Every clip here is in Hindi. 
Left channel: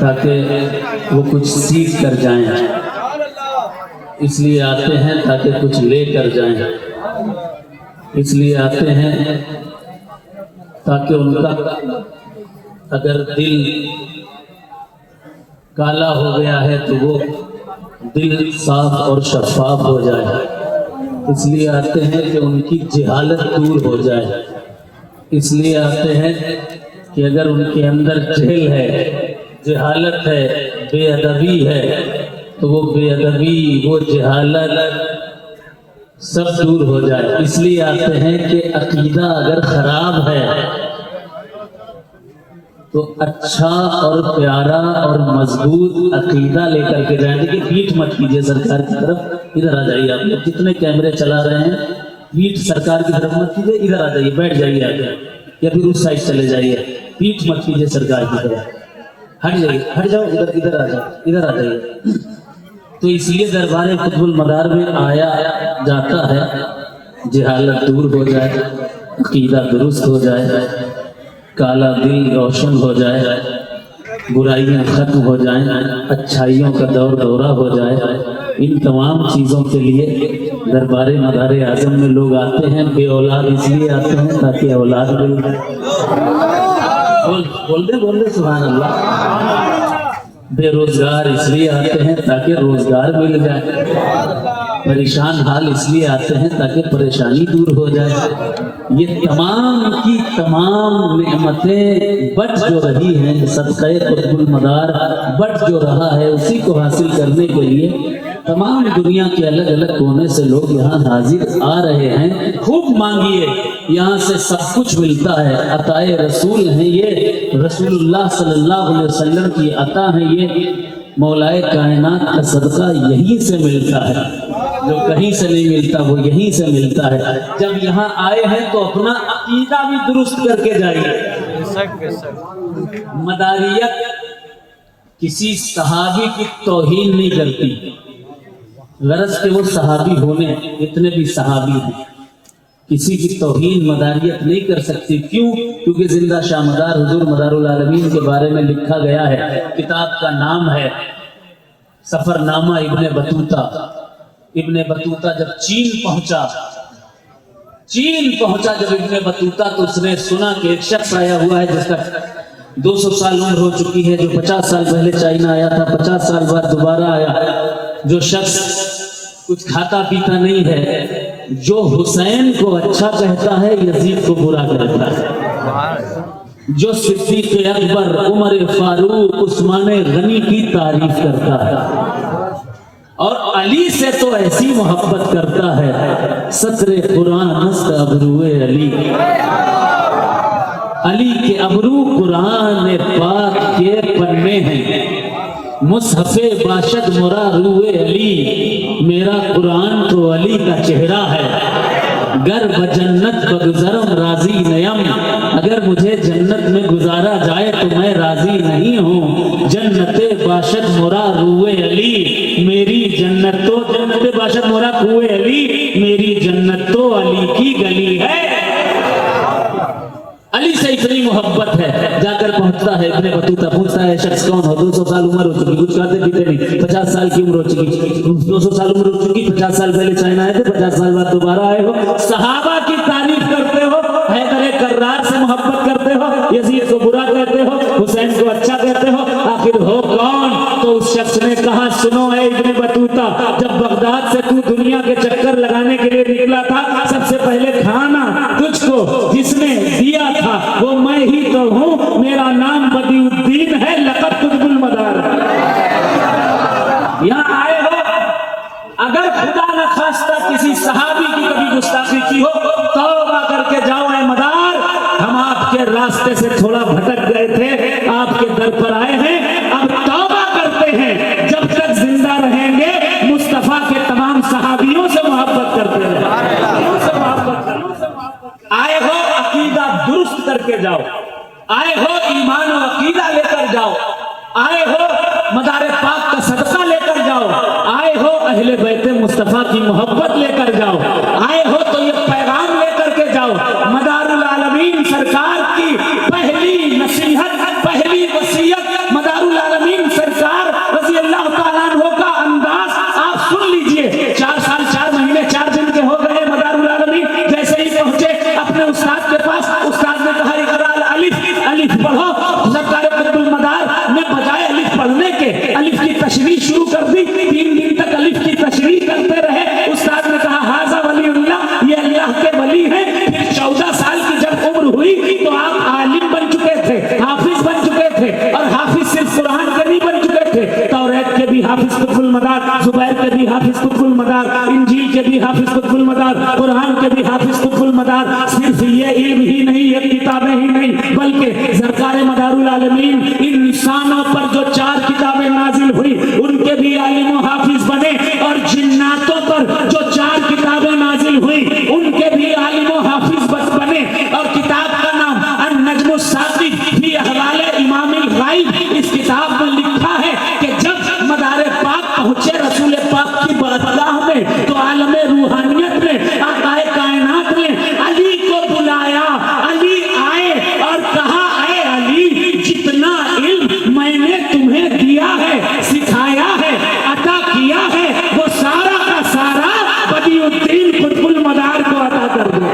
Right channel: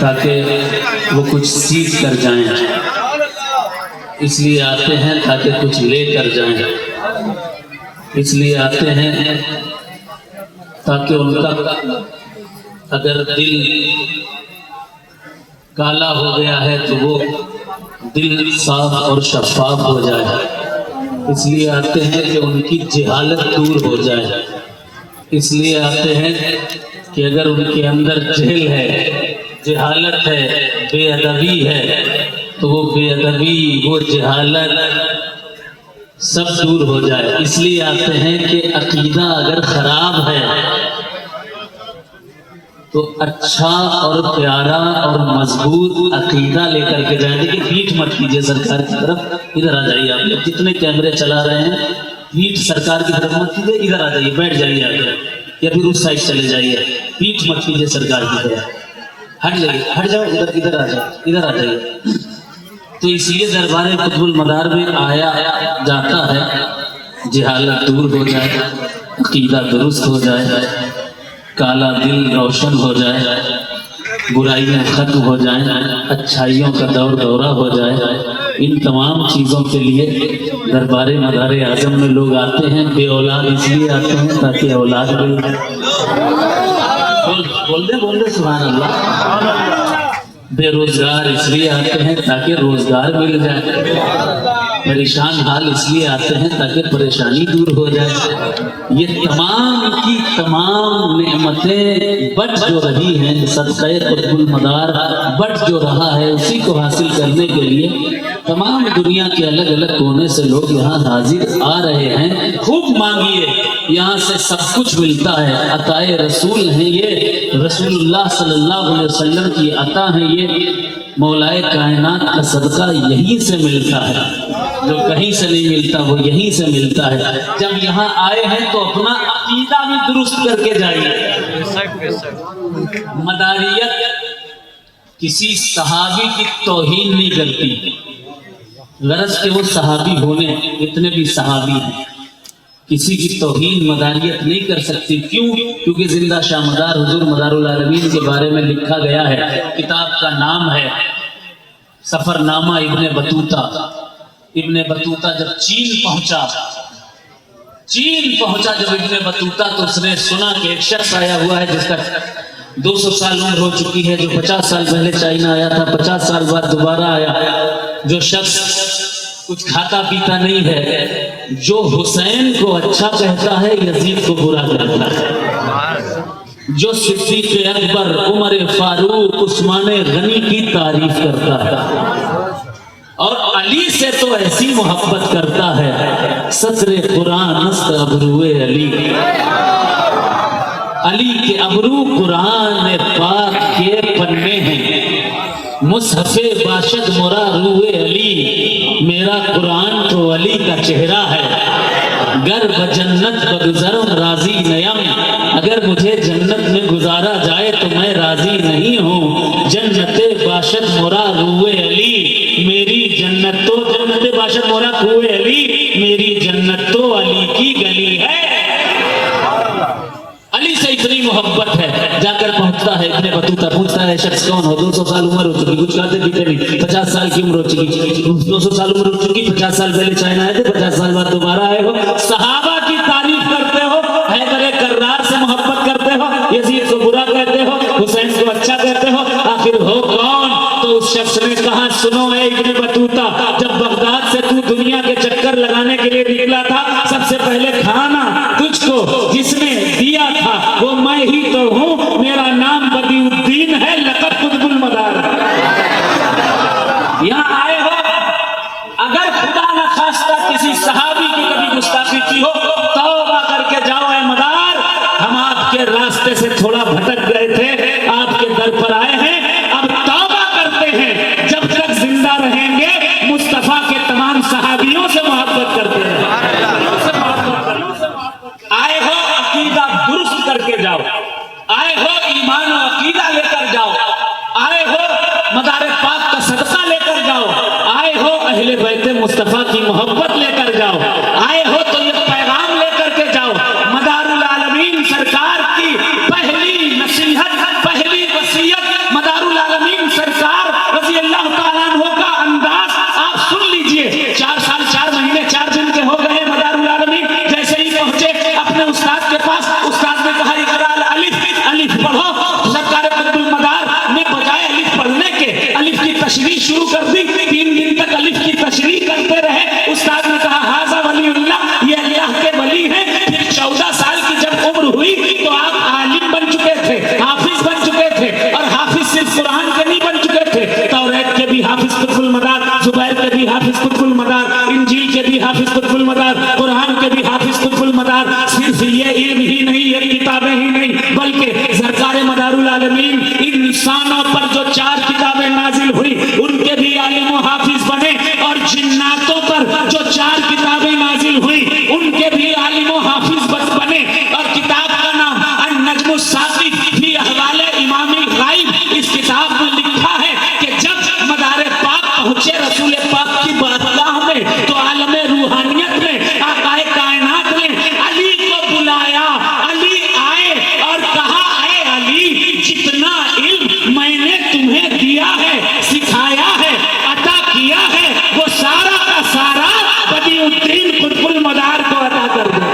ताकि वो कुछ सीख कर जाएं, इसलिए आते हैं ताकि कुछ ले कर जाएं, इसलिए आते हैं ताकि उनका अगर दिल काला हो गया है तो वो दिल साफ और शफाफ हो जाए। इसलिए आते हैं कि उनकी जहालत दूर हो जाए। इसलिए आते हैं कि अगर उनके अंदर जहल है, जहालत है, बेअदबी है, तो वो बेअदबी, वो जहालत सब दूर हो जाए। इसलिए आते हैं कि अकीदा अगर खराब है तो अच्छा और प्यारा और मजबूत अकीदा लेकर के जाए। देखिए, पीठ मत कीजिए सरकार की तरफ, इधर आ जाइए। आप लोग जितने कैमरे चला रहे हैं, पीठ सरकार की तरफ मत कीजिए, इधर आ जाइए, बैठ जाइए आकर, या फिर उस साइड चले जाइए। पीठ मत कीजिए सरकार की तरफ, हट जाइए, हट जाओ, इधर इधर आ जाओ, इधर आ जाइए। तो इसलिए दरबार कुतुबुल मदार में आया जाता है, जहालत दूर हो जाए, अकीदा दुरुस्त हो जाए, काला दिल रोशन हो जाए, बुराइयां खत्म हो जाएं, अच्छाइयों का दौर दौरा हो जाए। इन तमाम चीज़ों के लिए दरबार मदार आजम में लोग आते हैं। बेऔलाद इसलिए आते हैं ताकि औलाद मिल जाए। बोल दे सुभान अल्लाह। बेरोजगार इसलिए आते हैं ताकि रोजगार मिल जाए। परेशान हाल इसलिए आते हैं ताकि परेशानी दूर हो जाए। ये तमाम की तमाम नेमतें बच जो रही हैं, सदक़े कुतुबुल मदार बच जो रहा है, उसी को हासिल करने के लिए तमाम दुनिया के अलग अलग कोने से लोग यहाँ हाजिर आ रहे हैं। खूब मांगिए, यहाँ से सब कुछ मिलता है। अताए रसूल हैं ये, रसूलुल्लाह सल्लल्लाहु अलैहि वसल्लम की अता है ये। मौलाए कायनात का सदका यहीं से मिलता है, जो कहीं से नहीं मिलता वो यहीं से मिलता है। जब यहाँ आए हैं तो अपना अकीदा भी दुरुस्त करके जाइए। मदारियत किसी सहाबी की तौहीन नहीं करती, गरज के वो सहाबी होने, इतने भी सहाबी हैं, किसी की तौहीन मदारियत नहीं कर सकती। क्यों? क्योंकि जिंदा शामदार हुजूर मदारुल आलमीन के बारे में लिखा गया है। किताब का नाम है Safarnama Ibn Battuta. Ibn Battuta जब चीन पहुंचा जब इब्ने बतूता, तो उसने सुना कि एक शख्स आया हुआ है जिसका 200 साल उम्र हो चुकी है, जो 50 साल पहले चाइना आया था, 50 साल बाद दोबारा आया। जो शख्स कुछ खाता पीता नहीं है, जो हुसैन को अच्छा कहता है, यजीद को बुरा कहता है, जो सिद्दीक़ अकबर, उमर फारूक, उस्मान गनी की तारीफ करता है, और अली से तो ऐसी मोहब्बत करता है, सत्रे कुरान अबरूए अली। अली के अबरू कुरान पाक के पन्ने हैं, मुसहफ़े बाशद मोरा रूए अली। मेरा कुरान तो अली का चेहरा है। गर बजन्नत बगुज़रम राजी नयम, अगर मुझे जन्नत में गुजारा जाए तो मैं राजी नहीं हूँ। जन्नते बाशद मोरा रूए अली, मेरी जन्नत तो जन्नते बाशद मोरा रूए अली, मेरी जन्नत तो अली की गली है। अली से इतनी मोहब्बत है। जाकर पहुंचता है इब्ने बतूता, पूछता है शख्स कौन हो? 200 साल उम्र हो चुकी, कुछ खाते पीते नहीं, 50 साल की उम्र हो चुकी। 200 साल उम्र हो चुकी, 50 साल पहले चाइना आए थे, 50 साल बाद दोबारा आए हो, सहाबा की तारीफ करते हो, हैदर कर्रार से मोहब्बत करते हो, यजीद को बुरा कहते हो, हुसैन को अच्छा कहते हो, आखिर हो कौन? तो उस शख्स ने कहा, सुनो है इब्ने बतूता, जब बगदाद से तू दुनिया के चक्कर लगाने के लिए निकला था, सबसे पहले खाना तुझको जिसने दिया था वो मैं ही तो हूँ। मेरा नाम बदीउद्दीन है, लक़ब कुतुबुल मदार। यहाँ आए हो, अगर खुदा न खास्ता किसी सहाबी की कभी गुस्ताखी की हो, तौबा करके जाओ ऐ मदार। हम आपके रास्ते से थोड़ा भटक गए थे, आपके दर पर आए हैं, अब तौबा करते हैं। जब तक जिंदा रहेंगे मुस्तफा के तमाम सहाबियों से मोहब्बत करते हैं। आए हो अकीदा दुरुस्त करके जाओ, आए हो ईमान और अकीदा लेकर जाओ, आए हो मदारे पाक का सदका लेकर जाओ, आए हो अहले बैत मुस्तफा की मोहब्बत लेकर जाओ, आए हो तो ये पैगाम लेकर के जाओ। मदारुल आलमीन सरकार की पहली नसीहत, पहली सरकार कुतुबुल मदार ने बजाय अलिफ पढ़ने के अलिफ की तशरीह शुरू कर दी। 3 दिन तक अलिफ की तशरीह करते रहे। उस्ताद ने कहा हाजा वलीउल्लाह, ये अल्लाह के वली हैं। फिर 14 साल की जब उम्र हुई तो आप आलिम बन चुके थे, हाफिज बन चुके थे। और हाफिज सिर्फ कुरान के नहीं बन चुके थे, तौरात के भी हाफिज कुतुबुल मदार, जुबैर के भी हाफिज कुतुबुल मदार, इंजील के भी हाफिज कुतुबुल मदार, कुरान के भी हाफिज कुतुबुल मदार। सिर्फ ये इल्म ही नहीं, ये किताबें ही नहीं, बल्कि सरकार मदारुल आलमीन इन इंसानों पर जो 4 किताबें नाजिल हुई उनके भी आलिम व हाफिज बने। और जिन्नातों पर जो 4 किताबें नाजिल हुई उनके भी आलिम व हाफिज बने। और किताब का नाम अन-नज्मुस साक़िब फी अहवाल इमामिल गाइब। इस किताब में लिखा है कि जब मदारे पाक पहुंचे रसूल पाक की बारगाह में, तो आलमे रूहानियत में आकाए कायनात ने अली को बुलाया। अली आए और कहा, आए अली, जितना इल्म मैंने तुम्हें दिया है, सिखाया है, अता किया है, वो सारा का सारा बदिउद्दीन कुतुबुल मदार को अता कर दो।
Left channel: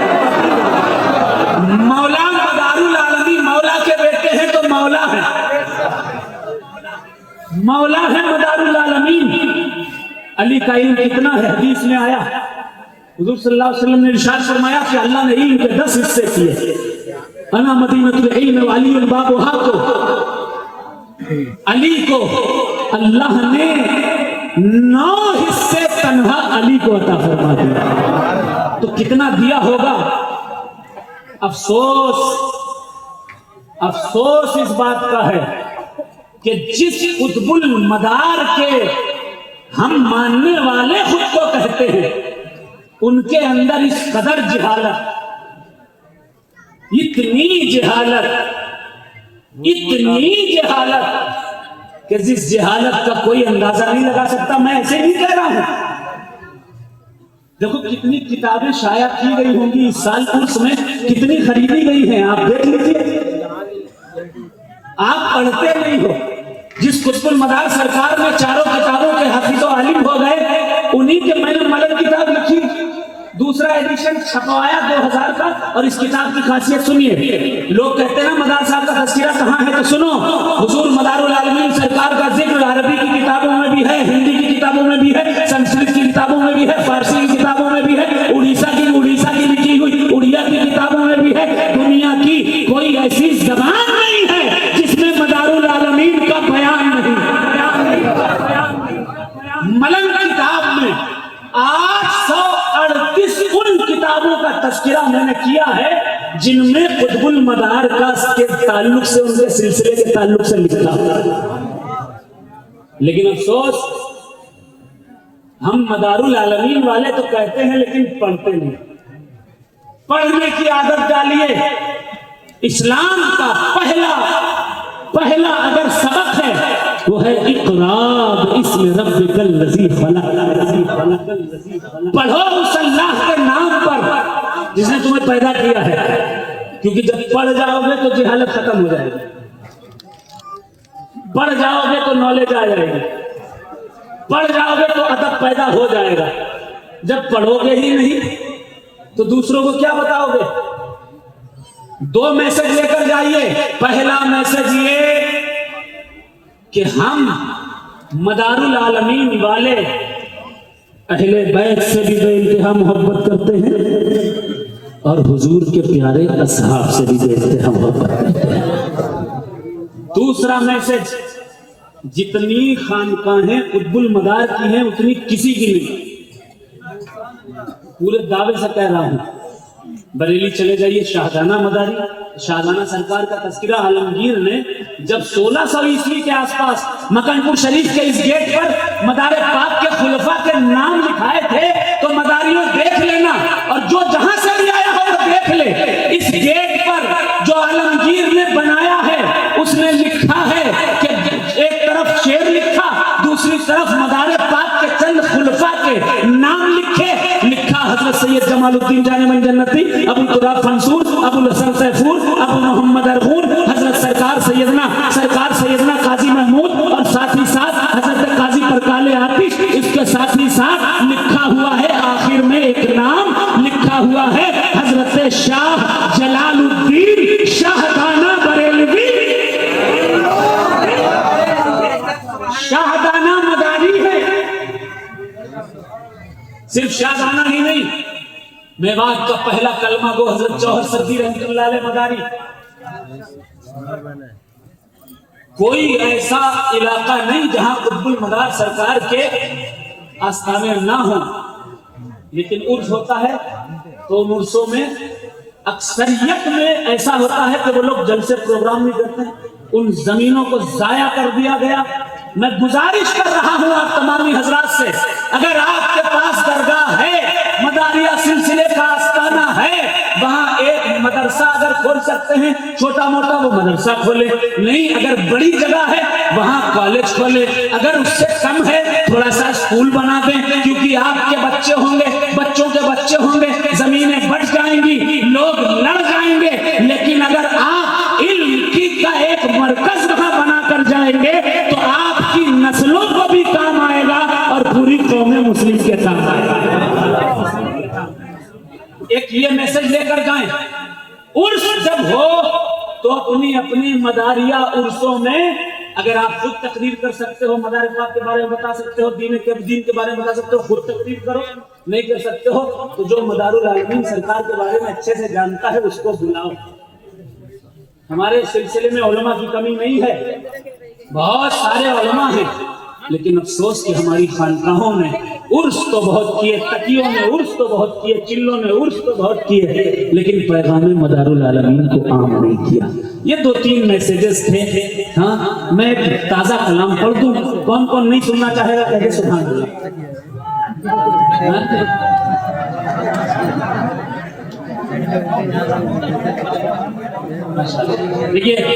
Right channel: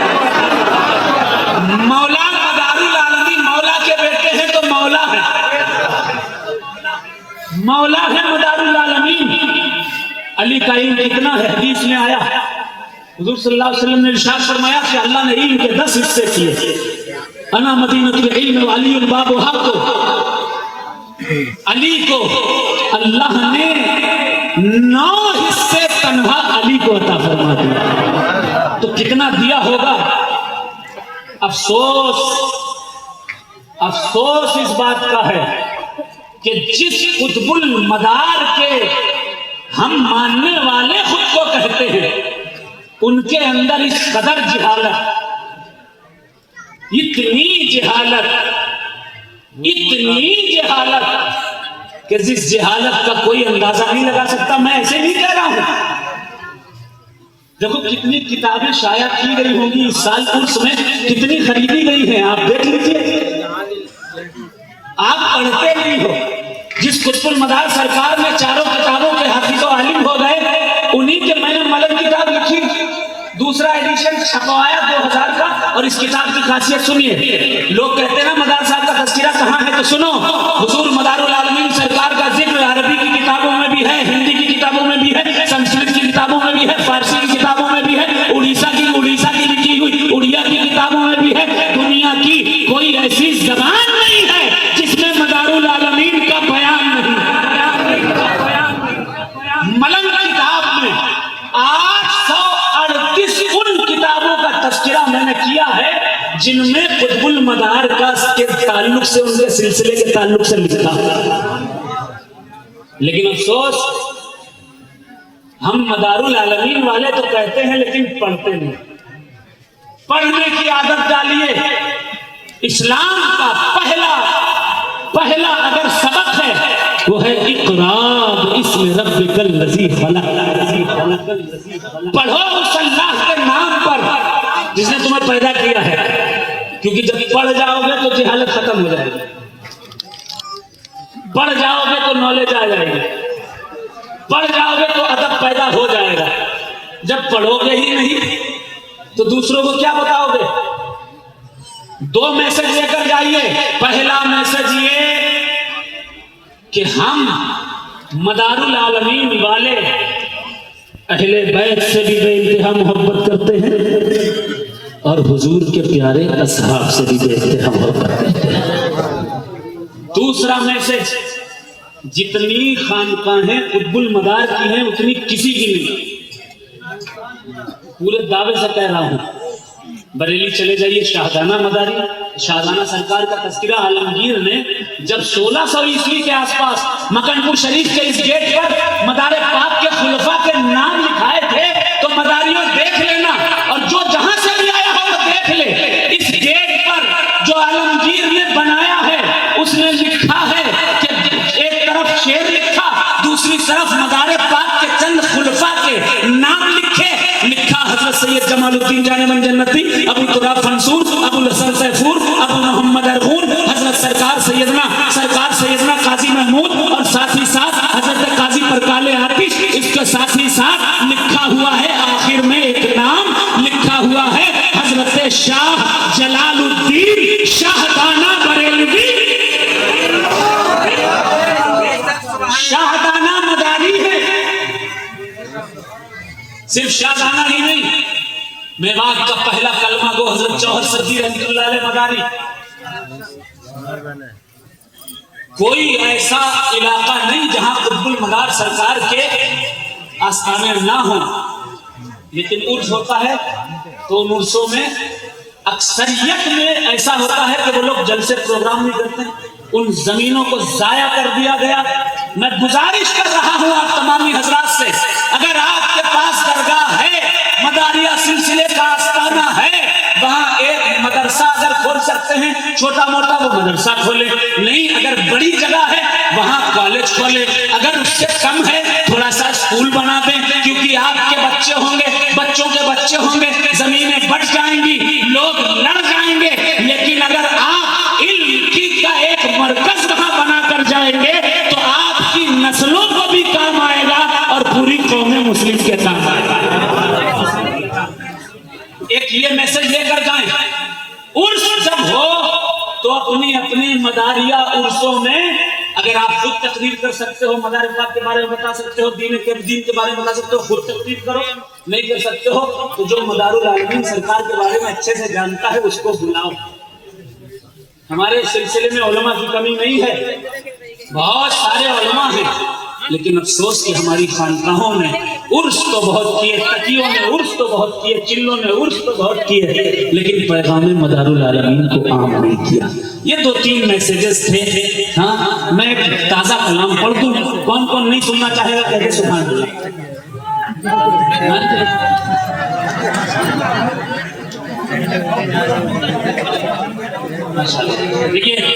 मौला मदारुल आलमीन मौला के बेटे हैं तो मौला है, मौला है मदारुल आलमीन। अली का इल्म कितना है? हदीस में आया, हुजूर सल्लल्लाहु अलैहि वसल्लम ने इरशाद फरमाया कि अल्लाह ने इल्म के 10 हिस्से किए। अना मदीनतुल इल्म व अली बाबुहा, को अली को अल्लाह ने 9 हिस्से तन्हा अली को अता फरमा दिया। तो कितना दिया होगा? अफसोस इस बात का है कि जिस कुतुबुल मदार के हम मानने वाले खुद को कहते हैं, उनके अंदर इस कदर जहालत, इतनी जहालत कि जिस जहालत का कोई अंदाजा नहीं लगा सकता। मैं ऐसे नहीं कह रहा हूं। देखो कितनी किताबें शाया की गई होंगी इस साल, उर्स में कितनी खरीदी गई हैं, आप देख लीजिए। आप पढ़ते नहीं हो। जिस कुतुबुल मदार सरकार में 4 किताबों के हाफिज व आलिम हो गए, उन्हीं के मैंने मलक किताब लिखी, दूसरा एडिशन छपवाया 2000 का। और इस किताब की खासियत सुनिए। लोग कहते हैं ना मदार साहब का तज़किरा कहाँ है, तो सुनो, हुजूर मदारुल आलमीन सरकार का जिक्र अरबी की किताबों में भी है, हिंदी की किताबों में भी है, संस्कृत की किताबों में भी है, फारसी की किताबों में भी है, उड़ीसा की लिखी हुई उड़िया की किताबों में भी है। दुनिया की कोई ऐसी जबान नहीं है जिसमें मदारुल आलमीन का बयान नहीं। मलंग किताब में 838 उन किताबों का तज़किरा मैंने किया है जिनमें कुतुबुल मदार का के ताल्लुक से, उनके सिलसिले के ताल्लुक से लिखा। लेकिन अफसोस, हम मदारुल आलमीन वाले तो कहते हैं लेकिन पढ़ते नहीं। पढ़ने की आदत डालिए। इस्लाम का पहला अगर सबक है वो है इक़रा बिस्मि रब्बिकल लज़ी खलक़। पढ़ो उस अल्लाह के नाम पर जिसने तुम्हें पैदा किया है, क्योंकि जब पढ़ जाओगे तो जहालत खत्म हो जाएगी, पढ़ जाओगे तो नॉलेज आ जाएगी, पढ़ जाओगे तो अदब पैदा हो जाएगा। जब पढ़ोगे ही नहीं तो दूसरों को क्या बताओगे? 2 मैसेज लेकर जाइए। पहला मैसेज ये कि हम मदारुल आलमीन वाले अहले बैत से भी बेइंतहा मोहब्बत करते हैं और हुजूर के प्यारे असहाब से भी बेइंतहा मोहब्बत करते हैं। दूसरा मैसेज, जितनी खानकाहें कुतुबुल मदार की हैं उतनी किसी की नहीं। पूरे दावे से कह रहा हूं, बरेली चले जाइए, शाहजाना मदारी, शाहजाना सरकार का तज़किरा आलमगीर ने जब 1600 ईस्वी के आसपास मकनपुर शरीफ के इस गेट पर मदारे पाक के खुलफा के नाम लिखाए थे, तो मदारियों देख लेना, और जो जहां से भी आया हो वो देख ले। इस गेट पर जो आलमगीर ने बनाया है उसने लिखा है कि एक तरफ शेर लिखा, दूसरी तरफ मदारे पाक के चंद खुलफा के नाम लिखा हज़रत सैयद जमालुद्दीन जाने मन जन्नती, अबू तुराब फंसूर, अबुल हसन सैफूर, अबू मोहम्मद अरगून, हजरत सरकार सैयदना काजी महमूद, और साथ ही साथ हजरत काजी परकाले आतिश। इसके साथ ही साथ लिखा हुआ है, आखिर में एक नाम लिखा हुआ है, हजरत शाह जलालुद्दीन शाहदाना बरेलवी। सिर्फ शाहजहां ही नहीं, मेवात का पहला कलमा गो हजरत जौहर सदी रहमतुल्लाह अलैह मदारी। कोई ऐसा इलाका नहीं जहां कुतुबुल मदार सरकार के आस्थाने ना हो, लेकिन उर्स होता है तो उन उर्सों में अक्सरियत में ऐसा होता है कि वो लोग जलसे प्रोग्राम नहीं करते, उन जमीनों को जाया कर दिया गया। मैं गुजारिश कर रहा हूं आप तमामी हजरात से, अगर आपके पास दरगाह है, मदारिया सिलसिले का आस्थाना है, वहां एक मदरसा अगर खोल सकते हैं, छोटा मोटा वो मदरसा खोले, नहीं अगर बड़ी जगह है वहां कॉलेज खोले, अगर उससे कम है थोड़ा सा स्कूल बना दें, क्योंकि आपके बच्चे होंगे, बच्चों के बच्चे होंगे, जमीनें बढ़ जाएंगी, लोग लड़ जाएंगे, लेकिन अगर आप इल्म की का एक मरकज वहां बनाकर जाएंगे तो आपकी नस्लों को भी काम आएगा और पूरी कौम मुस्लिम के काम आएगा। एक ये मैसेज लेकर जाएं, उर्स जब हो तो अपनी अपनी मदारिया उर्सों में अगर आप खुद तकरीर कर सकते हो, मदारिफात के बारे में बता सकते हो, दीन के बारे में बता सकते हो, खुद तकरीर करो, नहीं कर सकते हो तो जो मदारुल आलमीन सरकार के बारे में अच्छे से जानता है उसको बुलाओ। हमारे सिलसिले में उलमा की कमी नहीं है, बहुत सारे उलमा हैं, लेकिन अफसोस कि हमारी खानकाहों ने उर्स तो बहुत किए, तकियों ने उर्स तो बहुत किए, चिल्लों ने उर्स तो बहुत किए, लेकिन पैगाम मदारुल आलमीन को आम नहीं किया। ये 2-3 मैसेजेस थे। हाँ, मैं एक ताजा कलाम पढ़ दूं, कौन कौन नहीं सुनना चाहेगा कहे सुभान अल्लाह। देखिए